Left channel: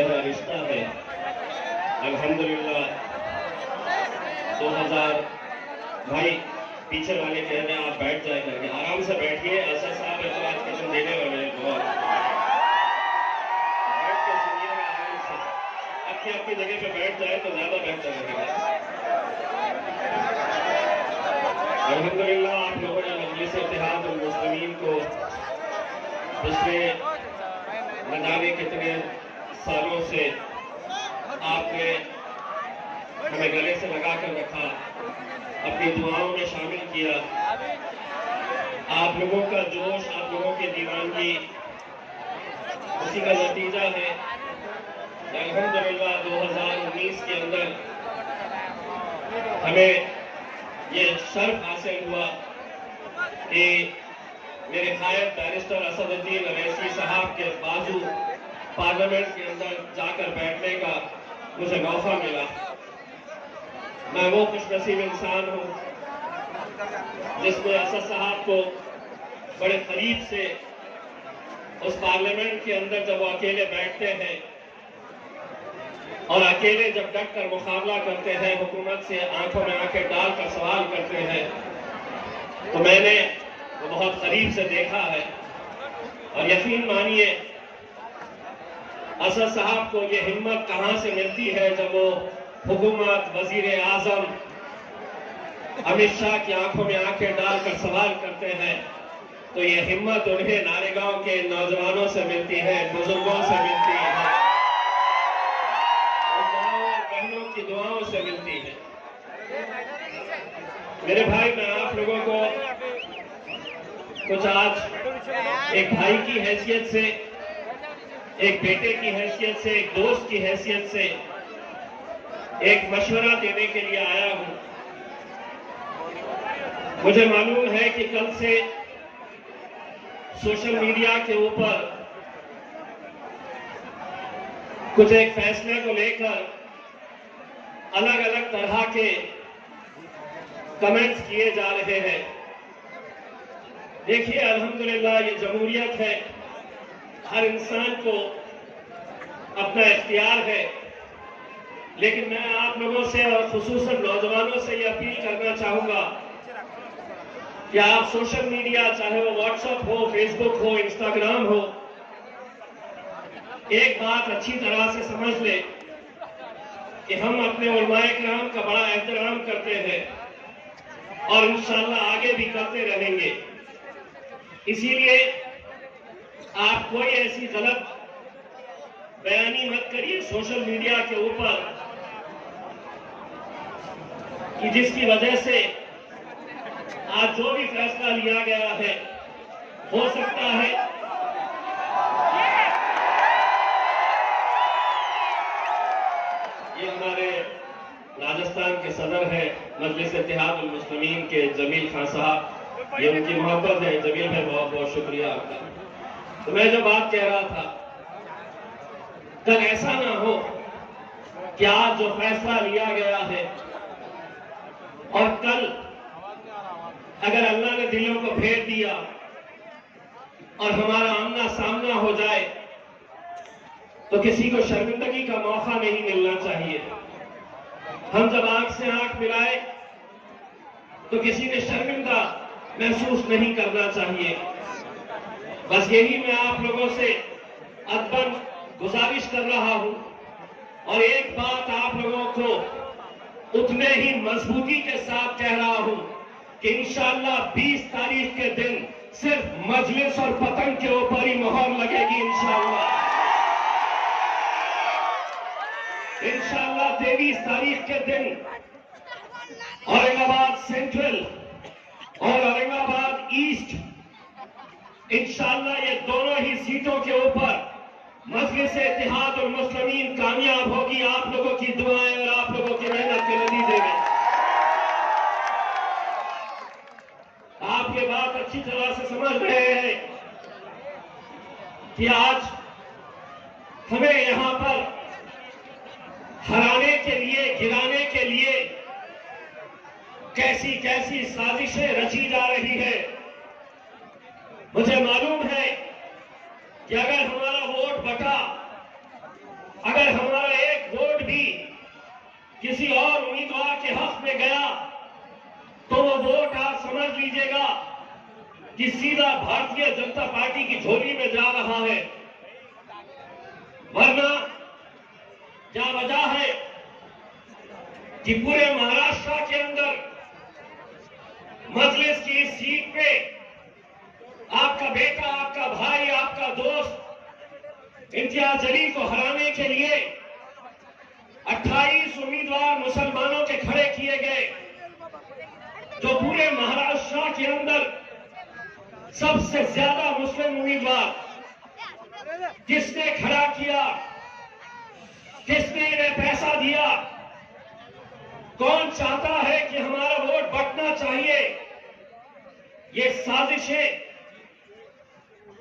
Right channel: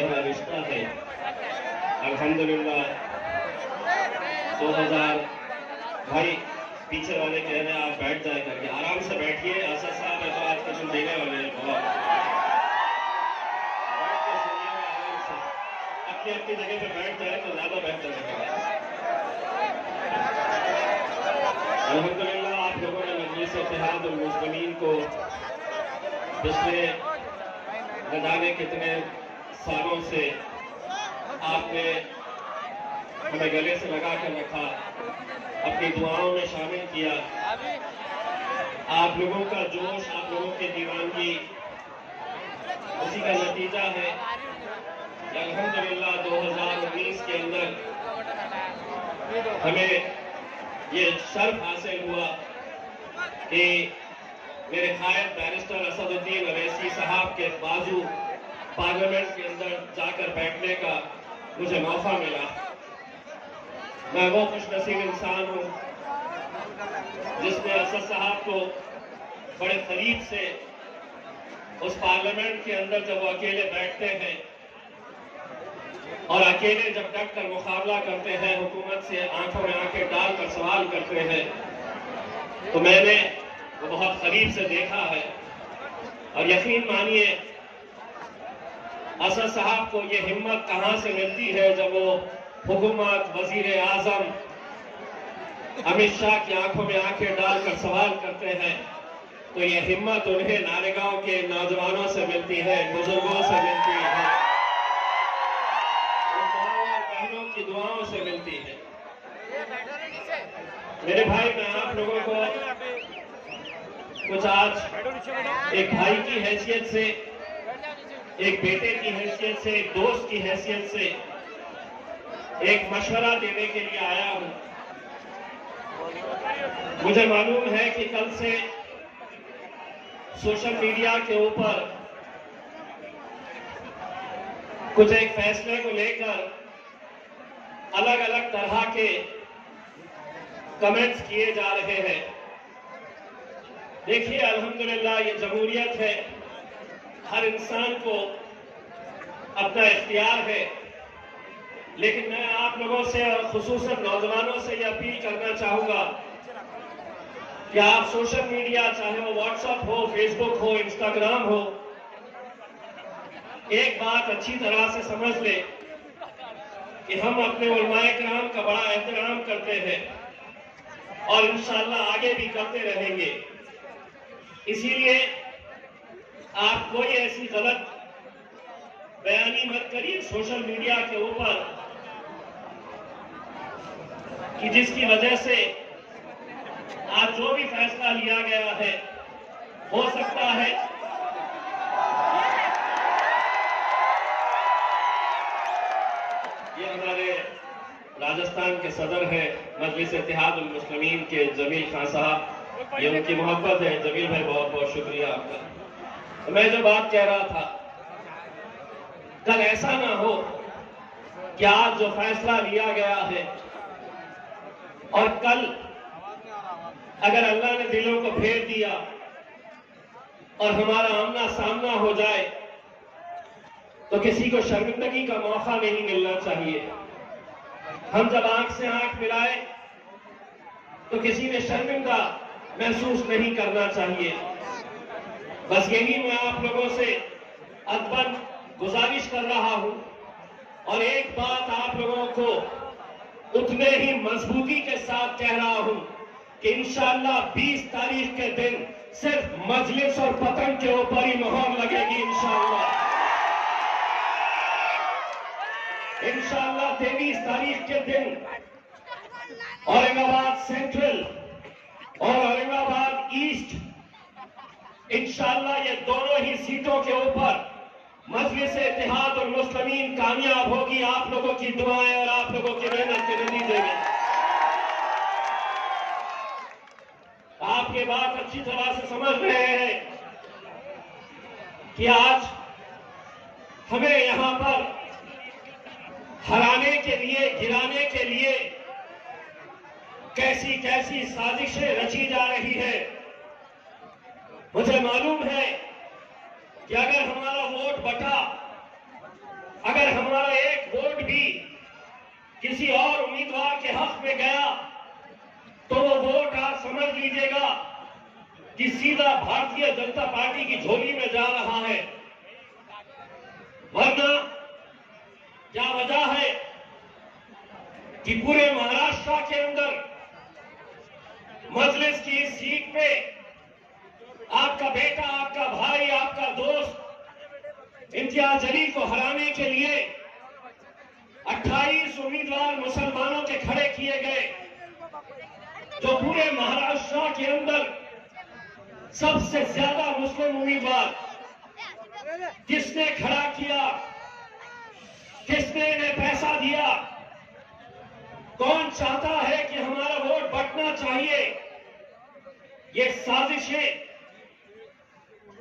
गहरा रिश्ता है। अल्हम्दुलिल्लाह 2000 भाई पीछे वाले कह रहे हैं आप बैठ जाए करके, आराम से बैठिए। ऐसा साहब है तो आज का तुम देने वाले हैं, बहुत बैठ के सुनिएगा आराम से। अपनी अपनी जगह पे बैठ जाए तो ज्यादा बेहतर रहेगा। अल्हम्दुलिल्लाह आप लोगों ने मजलिस इत्तेहादुल मुस्लिमीन को पिछले न जाने कितने सालों से आपने हमें गले से लगा कर रखा, अपनी दुआओं में शामिल किया। आप लोगों का जोश, आप लोगों की दीवानगी उसी का नतीजा है। अल्हम्दुलिल्लाह 2019 के अंदर हमें ये शर्फ हासिल हुआ कि मेरे कायद बैरिस्टर असदुद्दीन अवैसी साहब के बाजू पार्लियामेंट के अंदर जाकर बैठने का मुझे मौका मिला। मैं वो खुशनसीब इंसान हूँ जिसने असद साहब को बड़े करीब से उस पार्लियामेंट के अंदर जब वो अकेले बैठते हैं और अकेले जब डट कर मुकाबला करते हैं, हुकूमत से आंखों में आंखें डालकर सवाल करते हैं, तो मैंने वो बहुत करीब से देखा है। और यकीन मानिए असद साहब को ये हिम्मत कहां से मिलती है जब वो हुकूमत, वजीर आजम अमित शाह की आंखों में आंखें डालकर सवाल करते हैं, तो ये हिम्मत उन्हें नारेगांव के नौजवानों से मिलती है, बुजुर्गों से मिलती है, बहनों की दुआओं से मिलती है। मेरे भाई, मैं आप लोगों को कुछ आज एक भाई की हैसियत से, एक बेटे की हैसियत से, एक दोस्त की हैसियत से एक मशवरा देने के लिए आया हूं। मुझे मालूम है कि कल से सोशल मीडिया के ऊपर कुछ एक फैसले को लेकर अलग अलग तरह के कमेंट्स किए जा रहे हैं। देखिए, अल्हम्दुलिल्लाह ये जमहूरियत है, हर इंसान को अपना इख्तियार है, लेकिन मैं आप लोगों से और खुसूसन नौजवानों से ये अपील करना चाहूंगा कि आप सोशल मीडिया, चाहे वो व्हाट्सएप हो, फेसबुक हो, इंस्टाग्राम हो, एक बात अच्छी तरह से समझ ले कि हम अपने उलमाए किराम का बड़ा एहतराम करते हैं और इंशाअल्लाह आगे भी करते रहेंगे। इसीलिए आप कोई ऐसी गलत बयानी मत करिए सोशल मीडिया के ऊपर कि जिसकी वजह से आज जो भी फैसला लिया गया है, हो सकता है ये हमारे राजस्थान के सदर है मजलिस इत्तेहादुल मुस्लिमीन के जमील खान साहब, ये उनकी मोहब्बत है। जमील भाई, बहुत बहुत शुक्रिया आपका। तो मैं जो बात कह रहा था, कल ऐसा ना हो कि आज जो फैसला लिया गया है और कल अगर अल्लाह ने दिलों को फेर दिया और हमारा आमना सामना हो जाए तो किसी को शर्मिंदगी का मौका नहीं मिलना चाहिए। हम जब आंख से आंख मिलाए तो किसी ने शर्मिंदा महसूस नहीं करना चाहिए। बस यही मैं आप लोगों से अदबन गुजारिश कर रहा हूं। और एक बात आप लोगों को उतने ही मजबूती के साथ कह रहा हूं कि इंशाअल्लाह 20 तारीख के दिन सिर्फ मजलिस और पतंग के ऊपर ही मोहर लगेगी। इंशाअल्लाह 23 तारीख के दिन औरंगाबाद सेंट्रल और औरंगाबाद ईस्ट, इंशाअल्लाह ये दोनों ही सीटों के ऊपर मजलिस इत्तेहादुल मुस्लिमीन कामयाब होगी, आप लोगों की दुआएं और आप लोगों की मेहनत के नतीजे में। आप ये बात अच्छी तरह से समझ रहे हैं कि आज हमें यहां पर हराने के लिए, गिराने के लिए कैसी कैसी साजिशें रची जा रही है। मुझे मालूम है कि अगर हमारा वोट बटा, अगर कीजिएगा कि सीधा भारतीय जनता पार्टी की झोली में जा रहा है, वरना क्या वजह है कि पूरे महाराष्ट्र के अंदर मजलिस की इस सीट पे आपका बेटा, आपका भाई, आपका दोस्त इम्तियाज जलील को हराने के लिए 28 उम्मीदवार मुसलमानों के खड़े किए गए, जो पूरे महाराष्ट्र के अंदर सबसे ज्यादा मुस्लिम उम्मीदवार किसने खड़ा किया, किसने इन्हें पैसा दिया, कौन चाहता है कि हमारा वोट बंटना चाहिए, ये साजिशें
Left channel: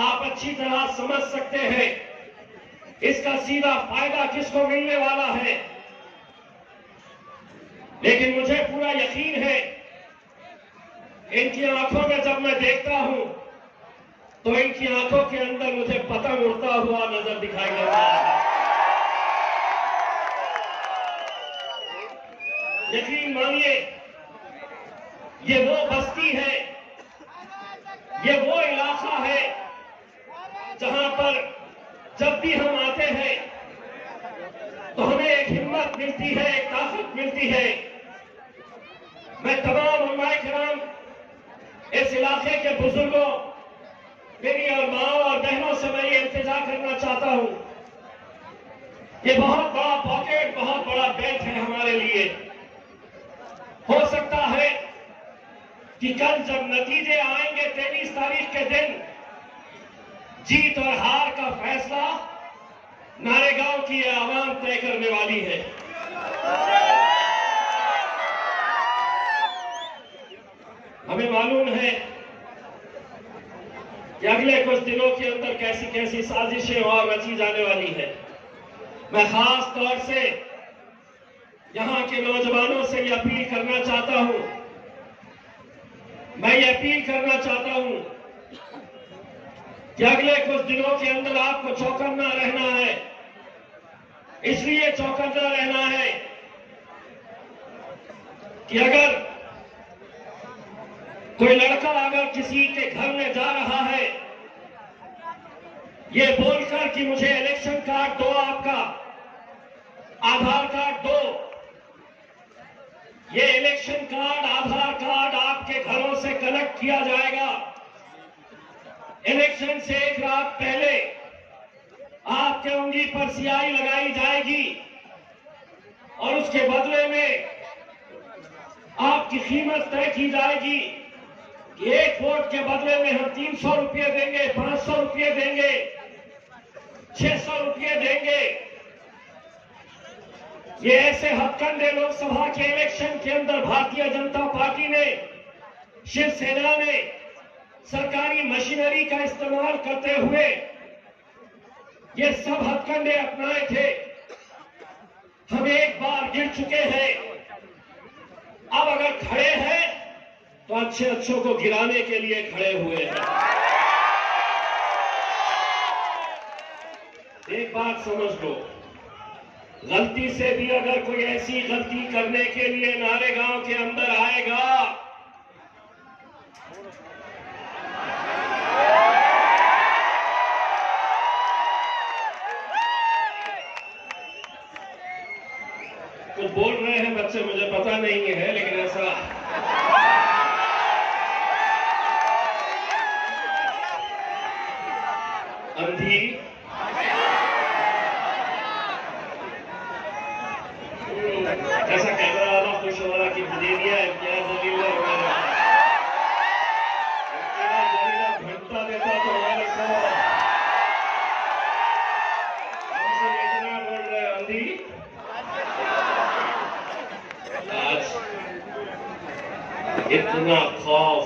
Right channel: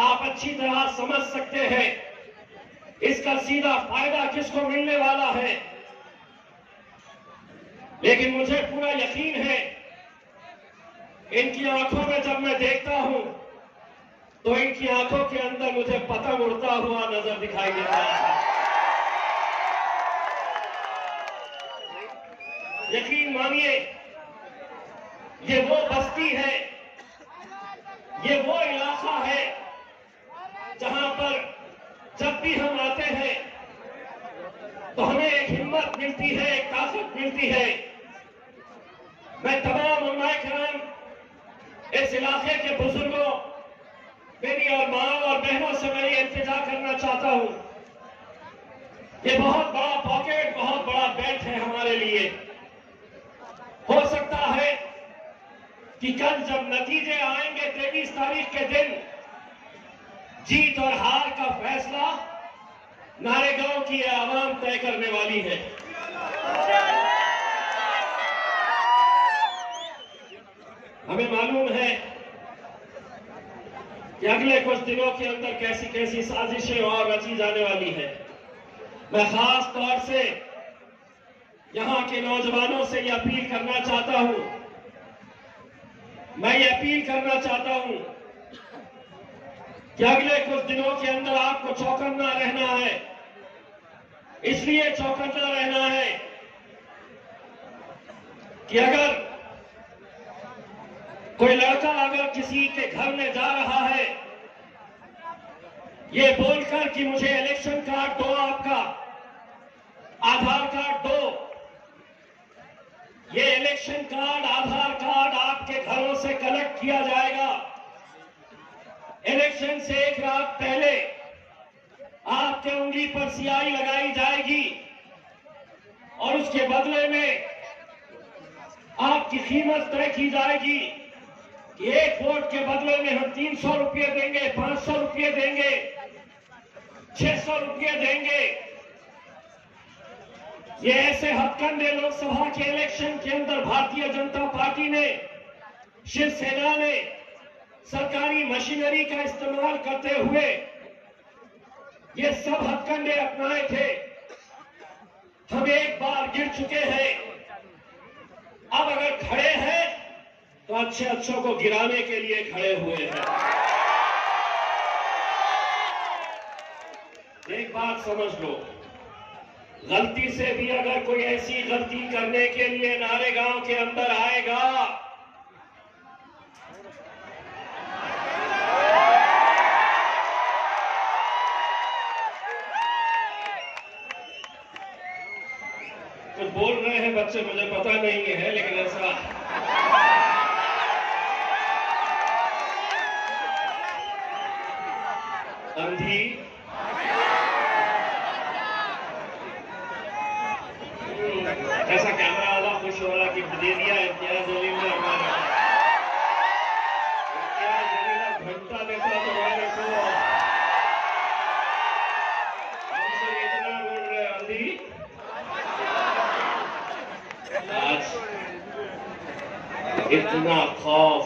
आप अच्छी तरह समझ सकते हैं। इसका सीधा फायदा किसको मिलने वाला है, लेकिन मुझे पूरा यकीन है इनकी आंखों में जब मैं देखता हूं तो इनकी आंखों के अंदर मुझे पतंग उड़ता हुआ नजर दिखाई देता है। यकीन मानिए, ये वो बस्ती है, ये वो इलाका है जहां पर जब भी हम आते हैं तो हमें एक हिम्मत मिलती है, एक ताकत मिलती है। मैं तमाम उलमा-ए-किराम, इस इलाके के बुजुर्गों, मेरी और माँ और बहनों से मैं ये इल्तिजा करना चाहता हूं, ये बहुत बड़ा पॉकेट, बहुत बड़ा बैंक है हमारे लिए। हो सकता है कि कल जब नतीजे आएंगे 23 तारीख के दिन, जीत और हार का फैसला नारेगांव की आवाम तय करने वाली है। हमें मालूम है कि अगले कुछ दिनों के अंदर कैसी कैसी साजिशें और रची जाने वाली है। मैं खास तौर से यहां के नौजवानों से यह अपील करना चाहता हूं, मैं ये अपील करना चाहता हूं कि अगले कुछ दिनों के अंदर आपको चौकन्ना रहना है। इसलिए चौकन्ना रहना है कि अगर कोई लड़का अगर किसी के घर में जा रहा है ये बोलकर कि मुझे इलेक्शन कार्ड दो, आपका आधार कार्ड दो, ये इलेक्शन कार्ड, आधार कार्ड आपके घरों से कलेक्ट किया जाएगा। इलेक्शन से एक रात पहले आपके उंगली पर स्याही लगाई जाएगी और उसके बदले में आपकी कीमत तय की जाएगी कि एक वोट के बदले में हम 300 रुपये देंगे, 500 रुपये देंगे, 600 रुपये देंगे। ये ऐसे हथकंडे लोकसभा के इलेक्शन के अंदर भारतीय जनता पार्टी ने, शिवसेना ने सरकारी मशीनरी का इस्तेमाल करते हुए ये सब हथकंडे अपनाए थे। हम एक बार गिर चुके हैं, अब अगर खड़े हैं तो अच्छे अच्छों को गिराने के लिए खड़े हुए हैं। एक बात समझ लो, गलती से भी अगर कोई ऐसी गलती करने के लिए नारेगांव के अंदर आएगा कुछ बोल रहे हैं बच्चे, मुझे पता नहीं है, लेकिन ऐसा अंधी जैसा कैमरा वाला खुश हो रहा कि दे दिया इम्तियाज जलील ने, हमारे इम्तियाज जलील घंटा देता तो हमारे को हमसे इतना बोल रहे अंधी। आज इतना खौफ,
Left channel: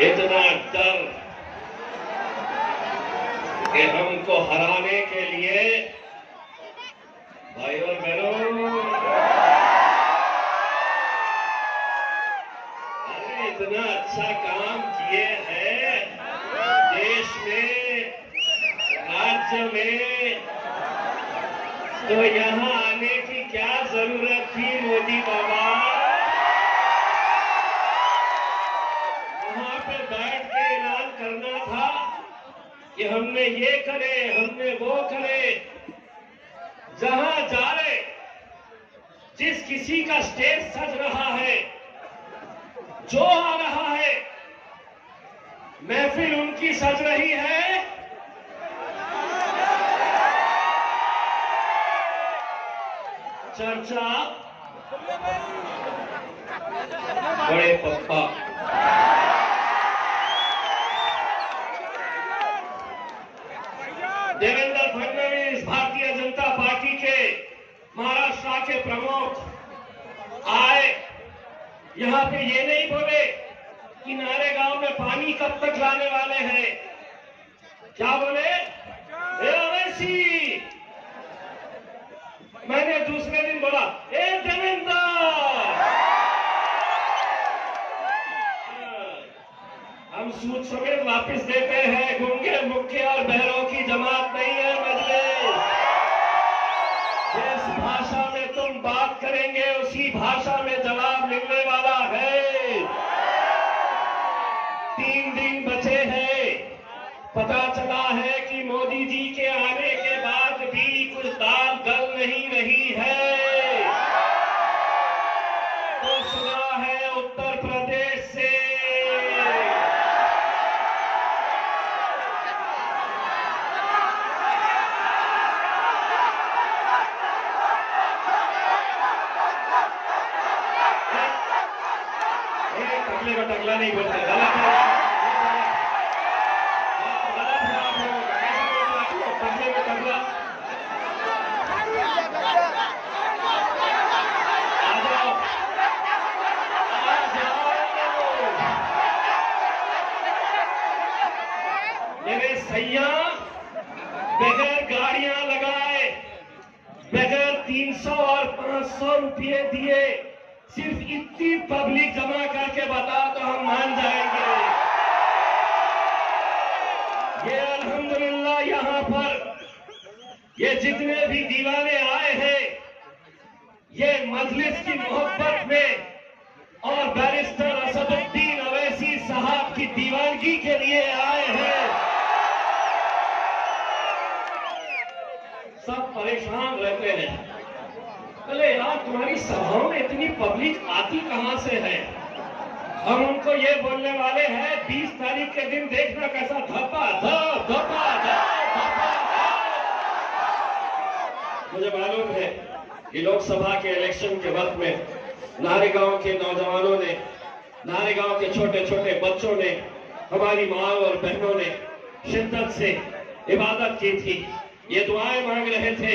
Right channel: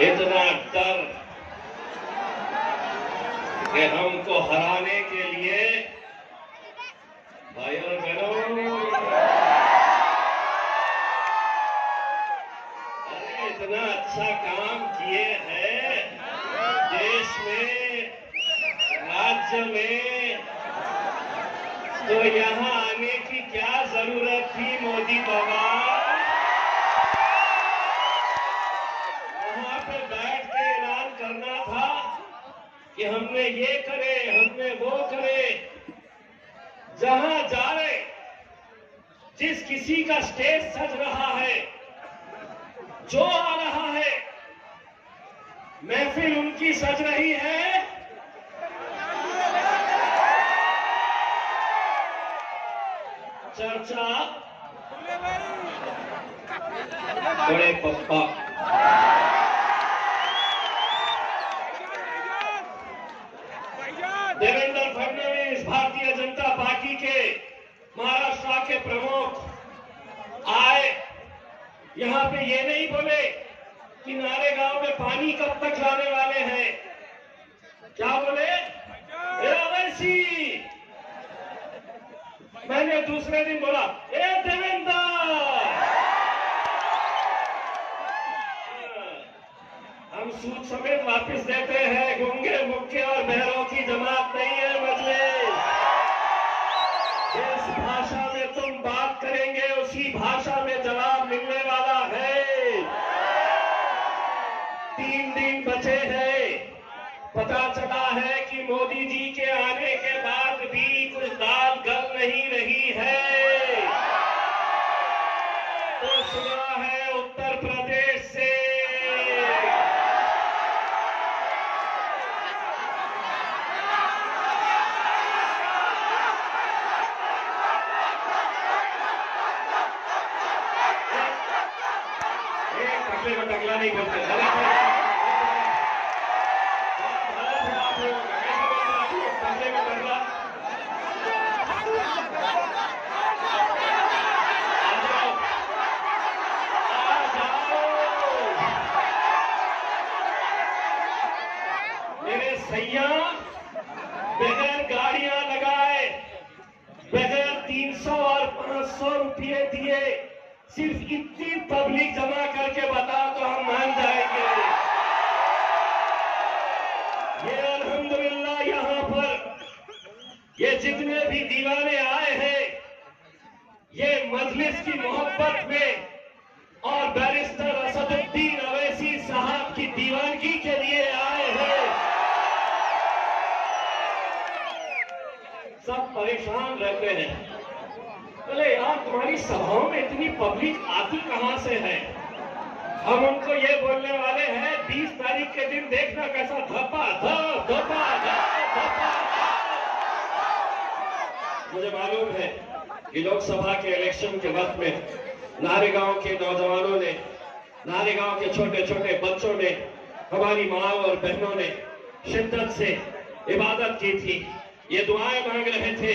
इतना डर कि हमको हराने के लिए, भाई और बहनों, अरे इतना अच्छा काम किए हैं देश में, राज्य में, तो यहाँ आने की क्या जरूरत थी मोदी बाबा? में ये करे, हम में वो करे। जहां जाए जिस किसी का स्टेज सज रहा है, जो आ रहा है, महफिल उनकी सज रही है। चर्चा बड़े पप्पा देवेंद्र फडणवीस भारतीय जनता पार्टी के महाराष्ट्र के प्रमुख आए। यहां पे ये नहीं बोले कि नारेगांव में पानी कब तक लाने वाले हैं। क्या बोले? अवैसी। मैंने दूसरे दिन बोला, ए देवेंद्र, हम सूद समेत वापस देते हैं। गूंगे, मुक्के और बहरों की जमात नहीं है मजलिस। जिस भाषा में तुम बात करेंगे उसी भाषा में जवाब मिलने वाला है। 3 दिन बचे हैं। पता चला है कि मोदी जी के आने के बाद भी कुछ दाल गल नहीं रही है। तो सुना है उत्तर प्रदेश से टकला नहीं बोलते, गलत है। टकले में टकला। मेरे सैया बगैर गाड़ियां लगाए, बगैर 300 और 500 रुपये दिए, सिर्फ इतनी पब्लिक जमा करके बताओ तो हम मान जाएंगे। ये अल्हम्दुलिल्लाह यहां पर ये जितने भी दीवाने आए हैं, ये मजलिस की मोहब्बत में और बैरिस्टर असदुद्दीन अवैसी साहब की दीवानगी के लिए आए हैं। सब परेशान रहते हैं, बोले यार तुम्हारी सभाओं में इतनी पब्लिक आती कहां से है। हम उनको ये बोलने वाले हैं 20 तारीख के दिन देखना कैसा धपा धप धपा धप धपा। मुझे मालूम है कि लोकसभा के इलेक्शन के वक्त में नारेगांव के नौजवानों ने, नारेगांव के छोटे छोटे बच्चों ने, हमारी माँ और बहनों ने शिद्दत से इबादत की थी। ये दुआएं मांग रहे थे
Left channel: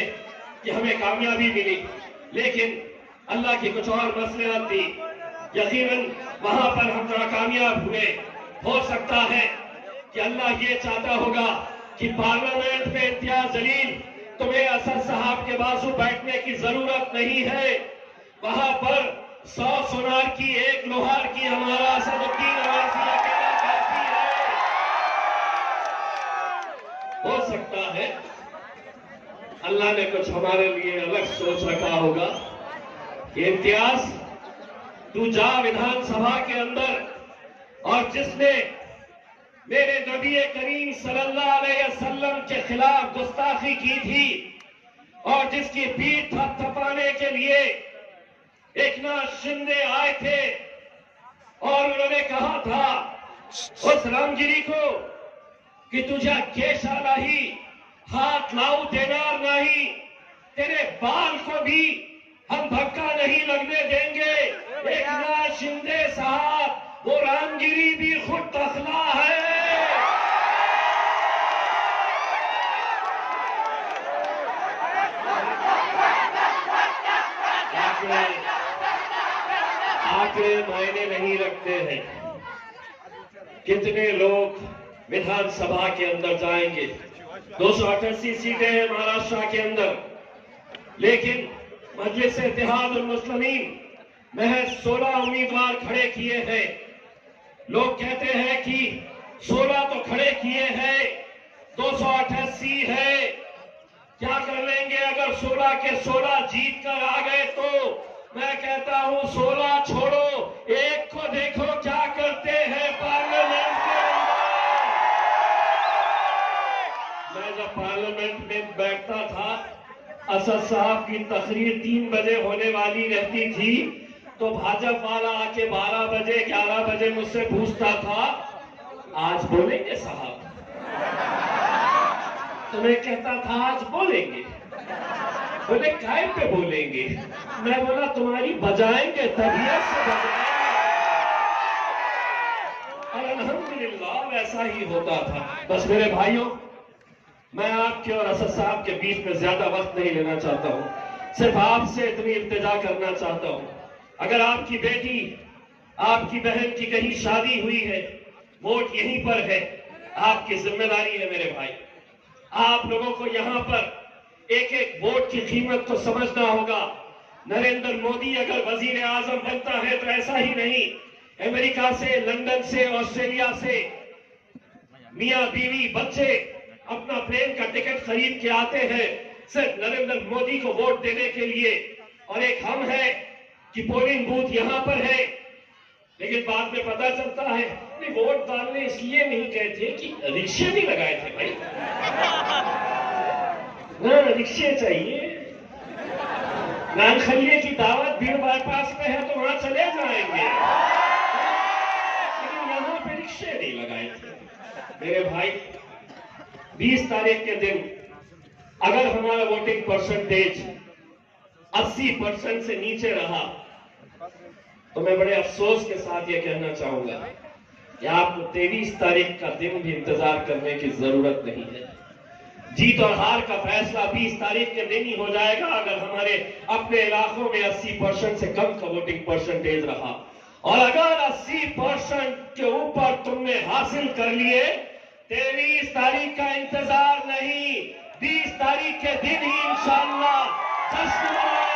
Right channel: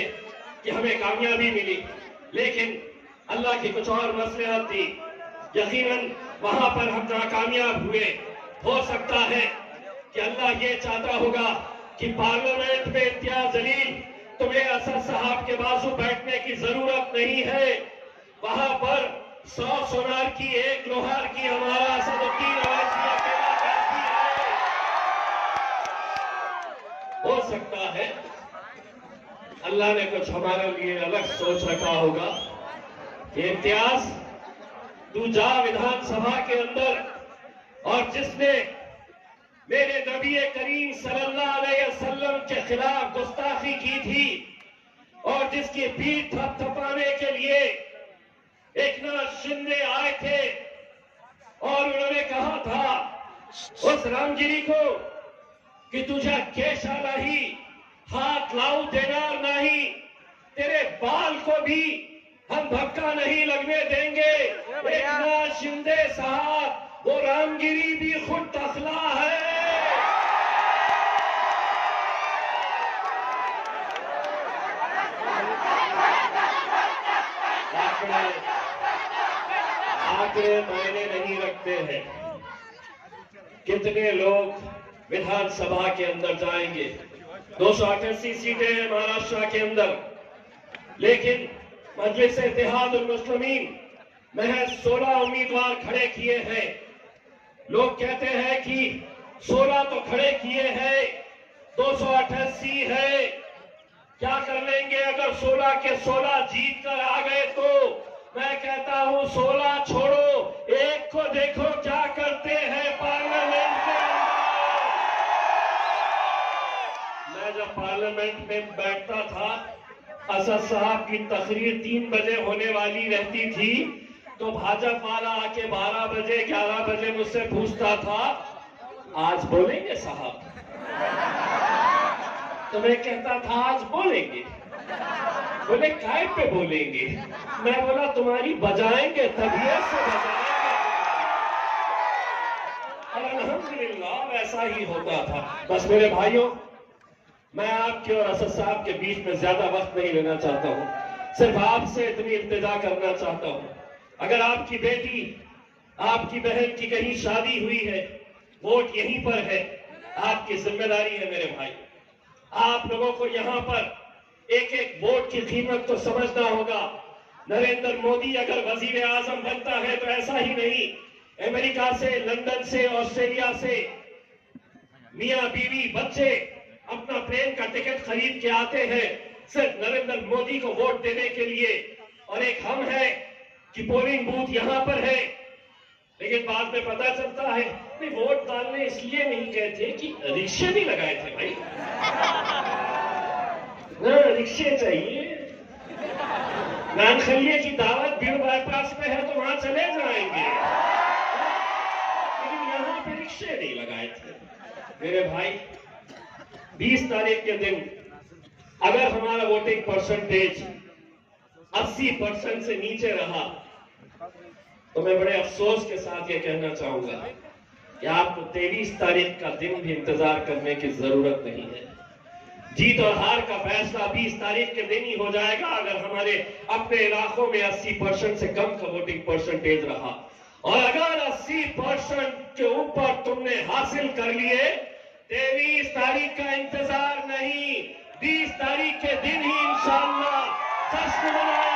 कि हमें कामयाबी मिली, लेकिन अल्लाह की कुछ और मसलियत थी। यकीनन वहां पर हम नाकामयाब हुए। हो सकता है कि अल्लाह ये चाहता होगा कि पार्लियामेंट में इम्तियाज जलील, तुम्हें असद साहब के बाजू बैठने की जरूरत नहीं है। वहां पर 100 सोनार की 1 लोहार की हमारा असदुद्दीन अवैसी अकेला काफी है। हो सकता है अल्लाह ने कुछ हमारे लिए अलग सोच रखा होगा कि इम्तियाज तू जा विधानसभा के अंदर, और जिसने मेरे नबी करीम सल्लल्लाहु अलैहि वसल्लम के खिलाफ गुस्ताखी की थी और जिसकी पीठ थपथपाने के लिए एकनाथ शिंदे आए थे और उन्होंने कहा था उस रामगिरी को कि तुझे केशा नहीं, हाथ लाऊ देना नहीं, तेरे बाल को भी हम धक्का नहीं लगने देंगे। एकनाथ शिंदे साहब, वो रामगिरी भी खुद तखला है। आंकड़े मायने नहीं रखते हैं। कितने लोग विधानसभा के अंदर जाएंगे? 288 सीटें हैं महाराष्ट्र के अंदर, लेकिन मजलिस इत्तेहादुल मुस्लिमीन महज 16 उम्मीदवार खड़े किए हैं। लोग कहते हैं कि 16 तो खड़े किए हैं, 288 है, क्या कर लेंगे अगर 16 के 16 जीत कर आ गए तो? मैं कहता हूं 16 छोड़ो, एक को देखो क्या करते हैं पार्लियामेंट के अंदर। पार्लियामेंट में बैठता था, असद साहब की तकरीर 3 बजे होने वाली रहती थी तो भाजपा वाला आके 12 बजे 11 बजे मुझसे पूछता था, आज बोलेंगे साहब? तो मैं कहता था आज बोलेंगे। बोले काय पे बोलेंगे? मैं बोला तुम्हारी बजाएंगे, तबीयत से बजाएंगे। और अल्हम्दुलिल्लाह वैसा ही होता था। बस मेरे भाइयों, मैं आपके और असद साहब के बीच में ज्यादा वक्त नहीं लेना चाहता हूं, सिर्फ आपसे इतनी इल्तिजा करना चाहता हूं, अगर आपकी बेटी, आपकी बहन की कहीं शादी हुई है, वोट यहीं पर है, आपकी जिम्मेदारी है मेरे भाई। आप लोगों को यहां पर एक एक वोट की कीमत तो समझना होगा। नरेंद्र मोदी अगर वजीर आजम बनता है तो ऐसा ही नहीं, अमेरिका से, लंदन से, ऑस्ट्रेलिया से मियां बीवी बच्चे अपना प्लेन का टिकट खरीद के आते हैं सिर्फ नरेंद्र मोदी को वोट देने के लिए। और एक हम है कि पोलिंग बूथ यहां पर है, लेकिन बाद में पता चलता है कि वोट डालने इसलिए नहीं गए थे कि रिक्शे भी लगाए थे भाई। ना रिक्शे चाहिए, नानखलिए की दावत भीड़ बाईपास में है तो वहां चले जाएंगे, लेकिन यहां पे रिक्शे नहीं लगाए थे। मेरे भाई, 20 तारीख के दिन अगर हमारा वोटिंग परसेंटेज 80% से नीचे रहा तो मैं बड़े अफसोस के साथ ये कहना चाहूंगा कि आपको 23 तारीख का दिन भी इंतजार करने की जरूरत नहीं है। जीत और हार का फैसला 20 तारीख के दिन ही हो जाएगा अगर हमारे अपने इलाकों में 80% से कम का वोटिंग परसेंटेज रहा। और अगर 80% के ऊपर तुमने हासिल कर लिए, 23 तारीख का इंतजार नहीं, 20 तारीख के दिन ही इंशाअल्लाह जश्न मनाएंगे।